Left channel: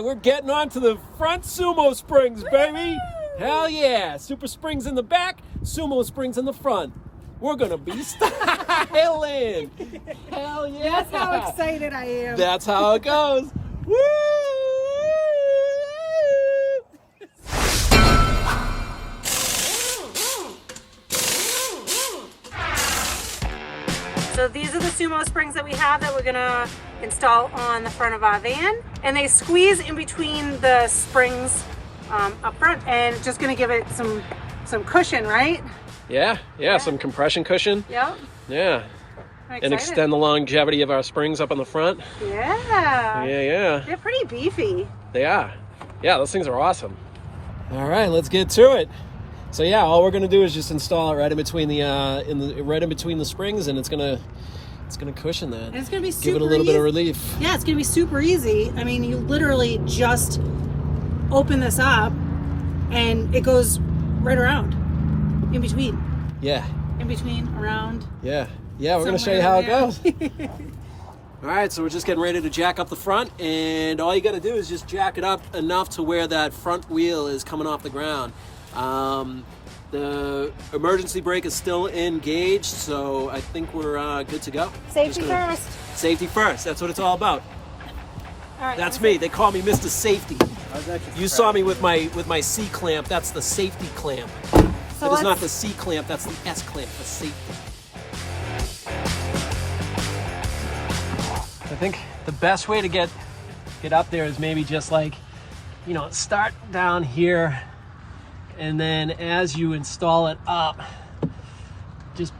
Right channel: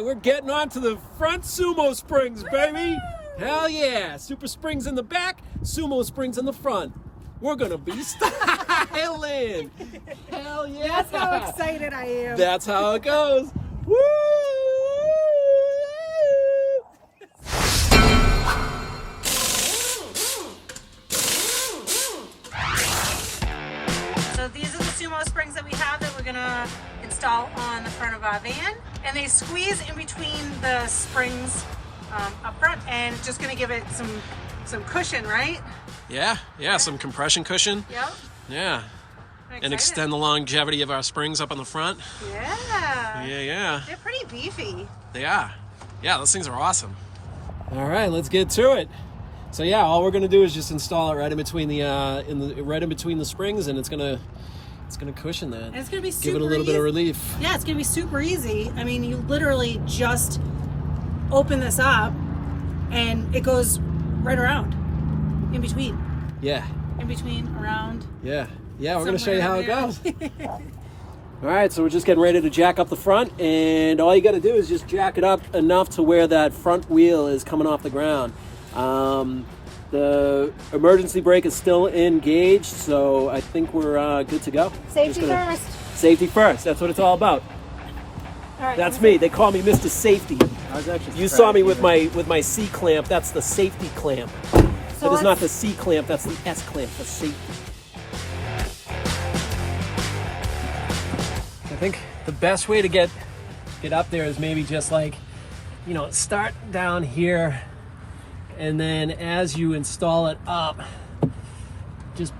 right, we're getting on to the front Sumo springs, baby. Hell yeah. Super springs in the back, Sumo springs in the front. We're gonna be styling. Hell yeah. That's how excited I am. That's how it goes. Woo! So these are the Sumo springs that we have that we're gonna install on the front of our van. And they squeeze in between the springs up front, and it's just gonna give it some cushion, right? Yeah, some compression cushion. Yep. Yeah. And extend the longevity of our springs up on the front. Yeah. Yeah. They're pretty beefy. They are. Yeah, those things are awesome. All right, let's get to it. So yeah, all we're gonna do is just install it right in between the right in between the springs, and it's gonna cushion that. And it's gonna be super give it a little easy. bit of relief. Yeah, it's gonna be super easy. I mean, you literally just open this up, and it goes right around, in between. Yeah. In between, around. Yeah. We're gonna show you how it goes. All right, so we're just getting ready to jack up the front, and all you got to do is just jack it up enough to where that front wheel is coming off the ground. The emergency brake is still engaged, so I think we're good to go. Safety first. Safety first. That's what it's all about. All right, that's me. They call me Mr. Safety. You saw me with my C clamp. That's the safety clamp. So it is not the C clamp. That's the S clamp for safety. I think the best way to get up there is maybe just like, start down here, and then as you install it up, just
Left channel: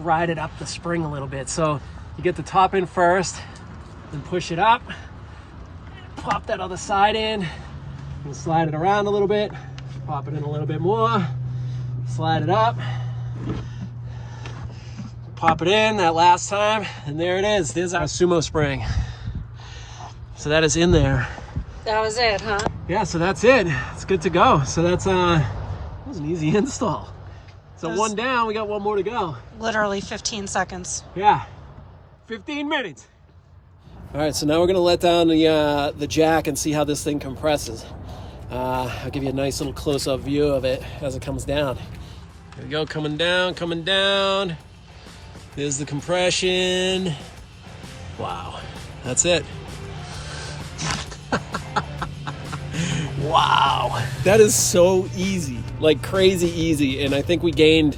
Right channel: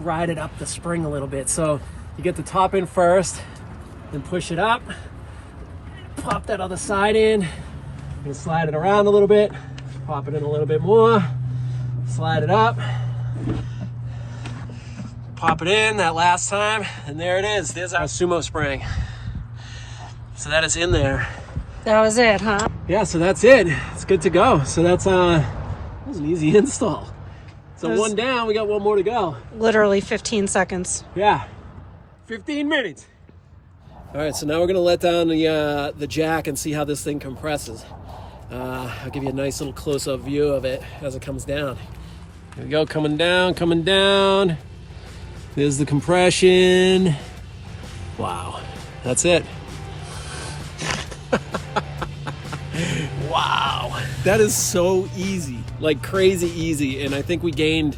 ride it up the spring a little bit. So you get the top in first, then push it up, pop that other side in, and slide it around a little bit, pop it in a little bit more, slide it up, pop it in that last time, and there it is. There's our Sumo spring. So that is in there. That was it, huh? Yeah, so that's it. It's good to go. So that was an easy install. So one down, we got one more to go. Literally 15 seconds. Yeah, 15 minutes. All right, so now we're gonna let down the jack and see how this thing compresses. I'll give you a nice little close-up view of it as it comes down. Here we go, coming down. There's the compression. Wow, that's it. Wow, that is so easy, like crazy easy. And I think we gained,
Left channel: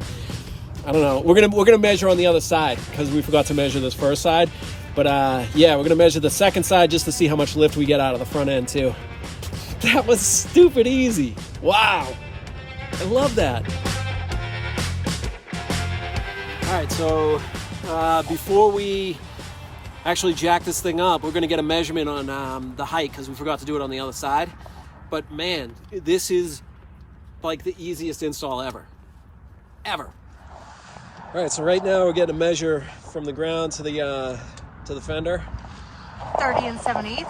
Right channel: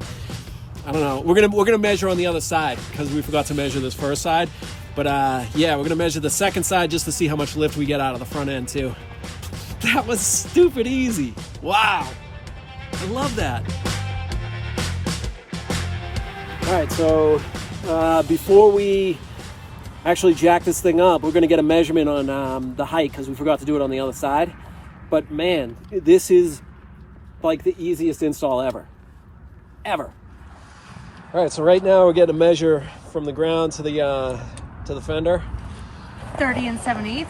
I don't know, we're gonna measure on the other side because we forgot to measure this first side. But yeah, we're gonna measure the second side just to see how much lift we get out of the front end too. That was stupid easy. Wow, I love that. All right, so before we actually jack this thing up, we're gonna get a measurement on the height because we forgot to do it on the other side. But man, this is like the easiest install ever. All right, so right now we're getting a measure from the ground to the fender. 30 7/8.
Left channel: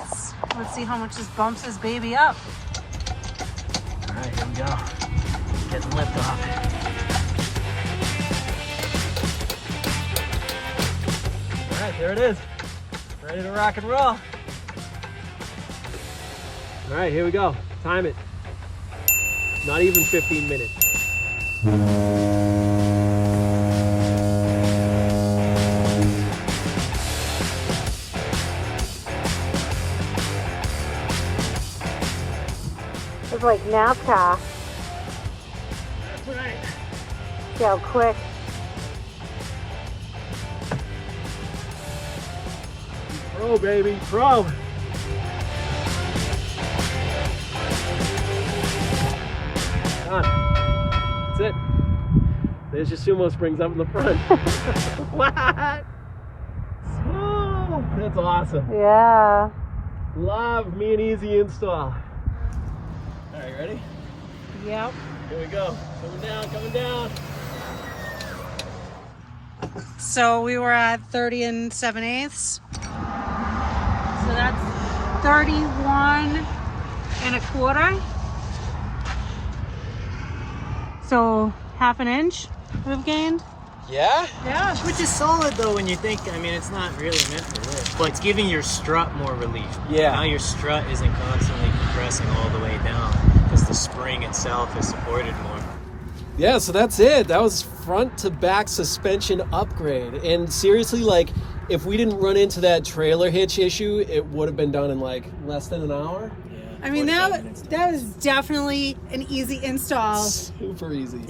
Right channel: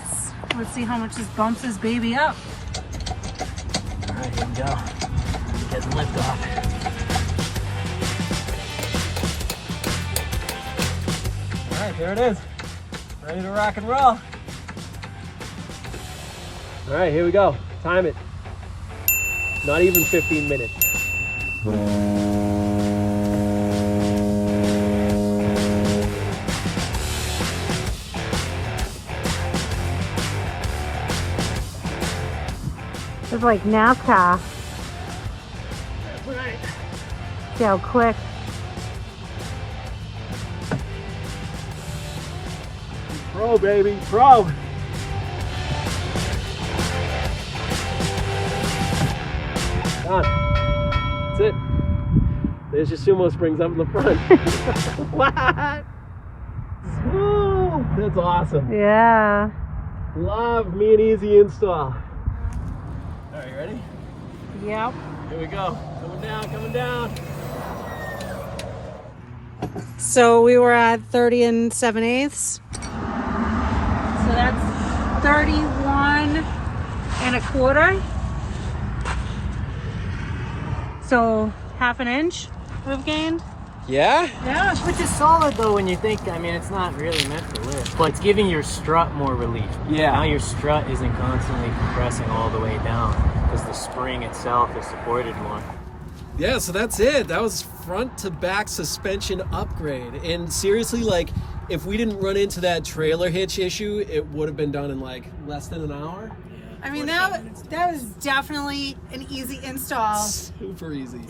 Let's see how much this bumps this baby up. All right, here we go. Getting lift off. All right, there it is. Ready to rock and roll. All right, here we go. Time it. Not even 15 minutes. It's like NASCAR. That's right. See how quick. Pro, baby, pro. Done. That's it. There's your Sumo springs up in the front. What? Woo, that's awesome. Yeah. Love me an easy install. All right, you ready? Yep. Here we go. Coming down. So we were at 30 7/8. So that's 31 1/4. So 1/2 inch we've gained. Yeah? Yeah. Which is solid though when you think, I mean, it's not really meant for lift, but it's giving your strut more relief. Yeah. Now your strut isn't constantly compressing all the way down because the spring itself is supported more. Yeah, so that's it. That was front to back suspension upgrade. And seriously, like, if we didn't run into that trailer hitch issue, it would have been done in like less than an hour. I mean, that was definitely an easy install. Super easy.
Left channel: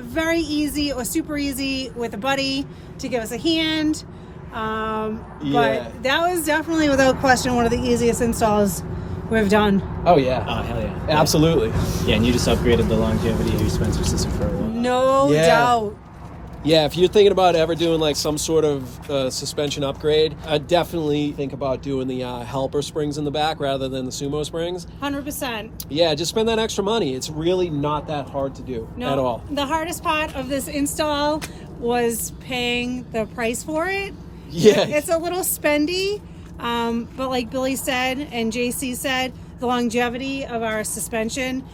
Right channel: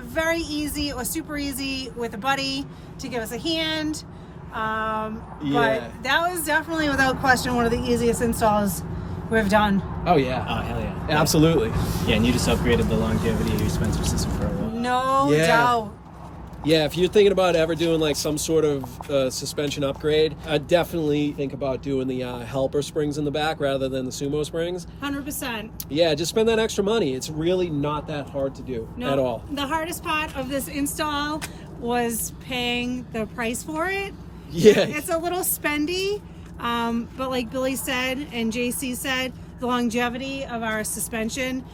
Very easy or super easy with a buddy to give us a hand. But that was definitely, without question, one of the easiest installs we've done. Oh, yeah. Oh, hell yeah. Absolutely. Yeah, and you just upgraded the longevity of your Spencer system for a while. No doubt. Yeah, if you're thinking about ever doing like some sort of suspension upgrade, I'd definitely think about doing the helper springs in the back rather than the Sumo springs. 100%. Yeah, just spend that extra money. It's really not that hard to do at all. The hardest part of this install was paying the price for it. Yeah. It's a little spendy, but like Billy said and JC said, the longevity of our suspension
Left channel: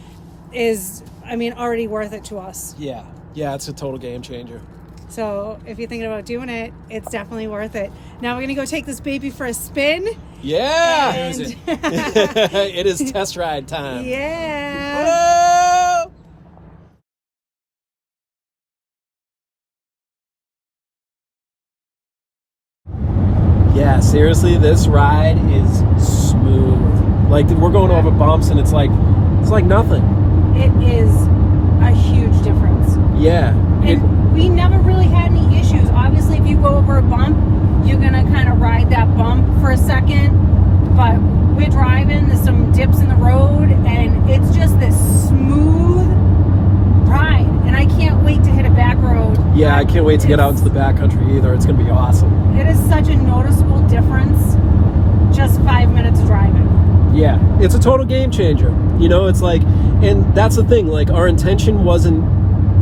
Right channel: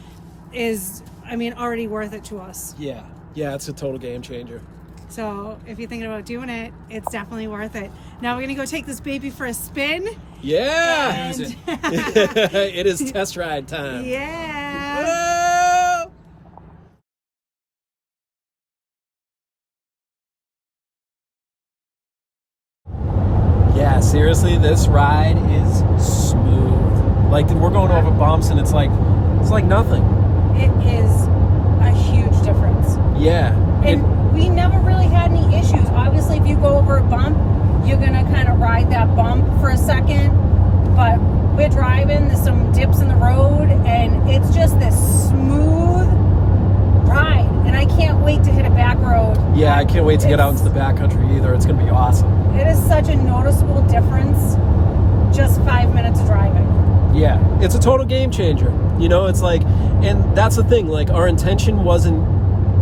is, I mean, already worth it to us. Yeah. Yeah, it's a total game changer. So if you're thinking about doing it, it's definitely worth it. Now we're gonna go take this baby for a spin. Yeah! And It is test ride time. yeah. Whoa! Yeah, seriously, this ride is smooth. Like, we're going over bumps and it's like nothing. It is a huge difference. Yeah. And we never really had any issues. Obviously, if you go over a bump, you're gonna kind of ride that bump for a second. But we're driving, there's some dips in the road, and it's just this smooth ride. And I can't wait to hit a back road. Yeah, I can't wait to get out into the backcountry either. It's gonna be awesome. It is such a noticeable difference, just 5 minutes of driving. Yeah, it's a total game changer. You know, it's like, and that's the thing, like, our intention wasn't,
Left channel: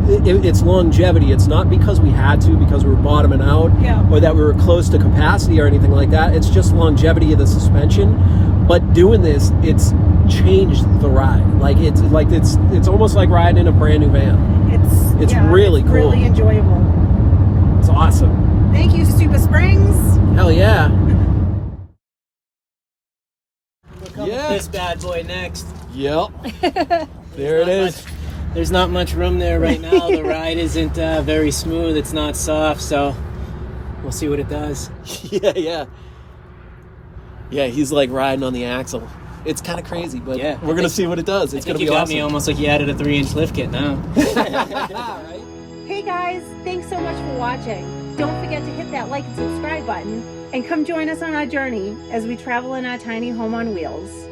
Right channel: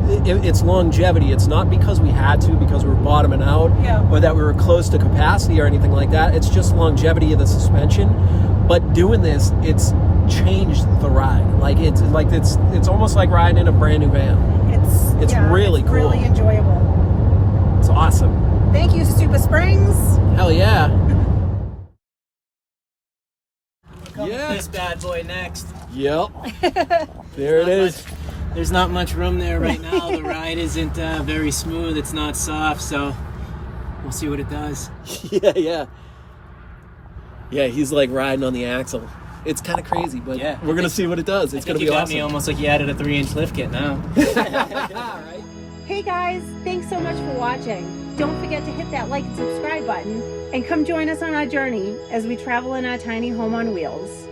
it's longevity. It's not because we had to, because we were bottoming out, or that we were close to capacity or anything like that. It's just longevity of the suspension. But doing this, it's changed the ride. Like, it's almost like riding in a brand new van. It's really cool. Really enjoyable. It's awesome. Thank you, Super Springs. Hell yeah. This bad boy next. Yep. There it is. There's not much room there right now. The ride isn't very smooth. It's not soft, so we'll see what it does. Yeah. Yeah, he's like riding on the axle. It's kind of crazy, but we're gonna see what it does. It's gonna be awesome. You got me almost like you added a 3-inch lift kit now. Hey guys, thanks so much for watching. Don't forget to hit that like and subscribe button and come join us on our journey as we travel in our tiny home on wheels.